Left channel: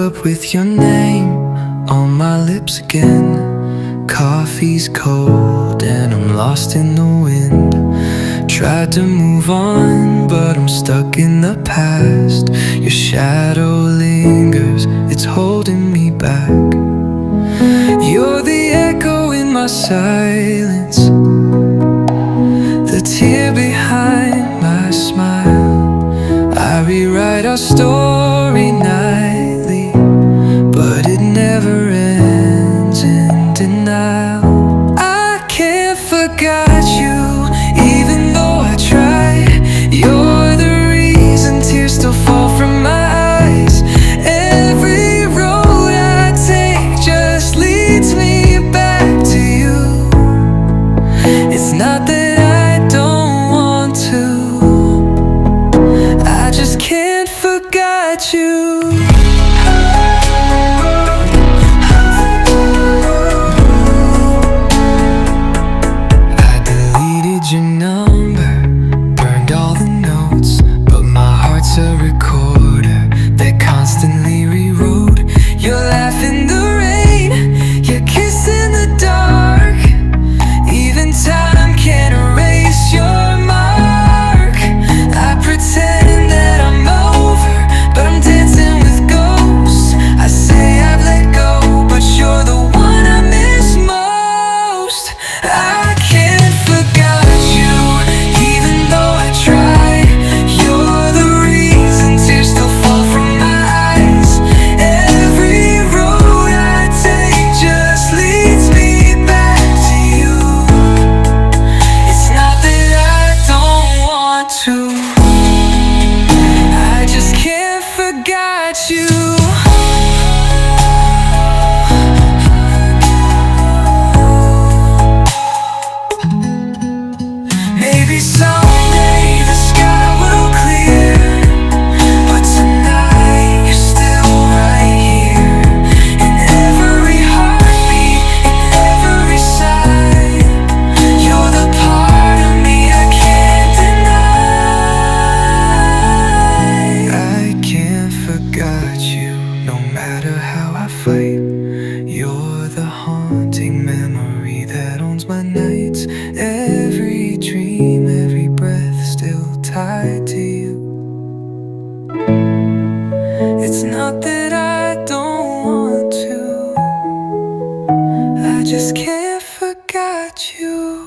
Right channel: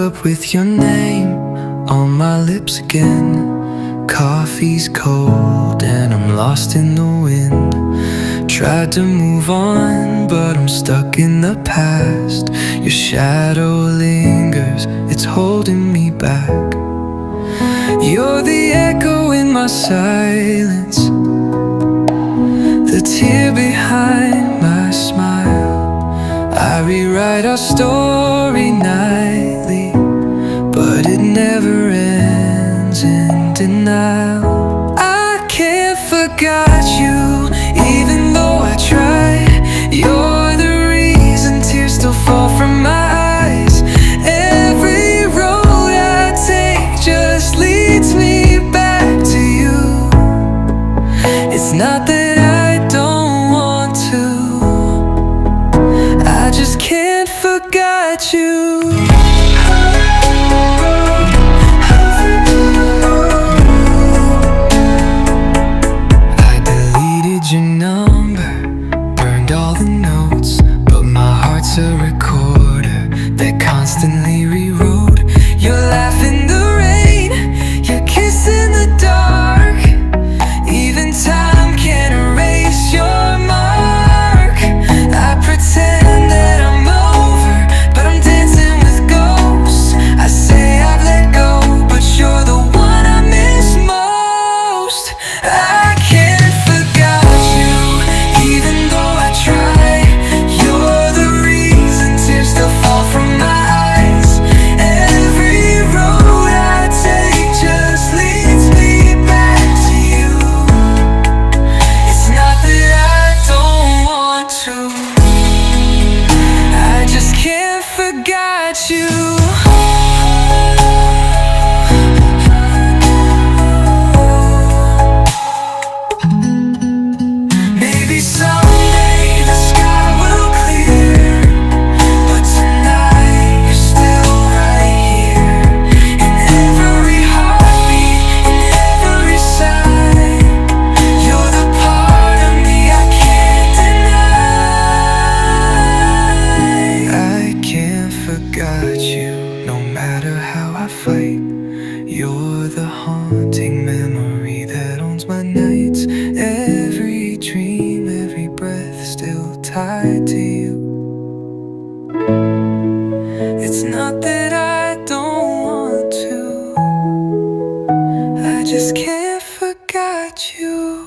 up with your name on my lips again. Coffee's cold and I'm lost in the wind. Tried to move on, but I'm stuck in the past. Your shadow lingers, it's holding me back. You're the echo in my silence, the tear behind my smile. I rewrite our story nightly, but it never ends in denial. I can't forget you, even though I try. You're the reason tears still fall from my eyes. Every road I take just leads me back to you. It's not that I don't want to, I just can't forget you. I deleted your number, burned all the notes, but my heart's a recorder that constantly rewrote. Your laugh in the rain, your kiss in the dark. Even time can't erase your mark. I pretend that I'm over, but I'm dancing with ghosts. I say I've let go, but you're the one I miss most. I can't forget you, even though I try. You're the reason tears still fall from my eyes. Every road I take just leads me back to you. It's not that I don't want to, I just can't forget you. Maybe someday the sky will clear, but tonight you're still right here. In every heartbeat, in every sigh, you're the part of me I can't deny. I can't forget you, no matter how I fight. You're the haunting memory that owns my nights. Every dream, every breath still tied to you. It's not that I don't want to, I just can't forget you.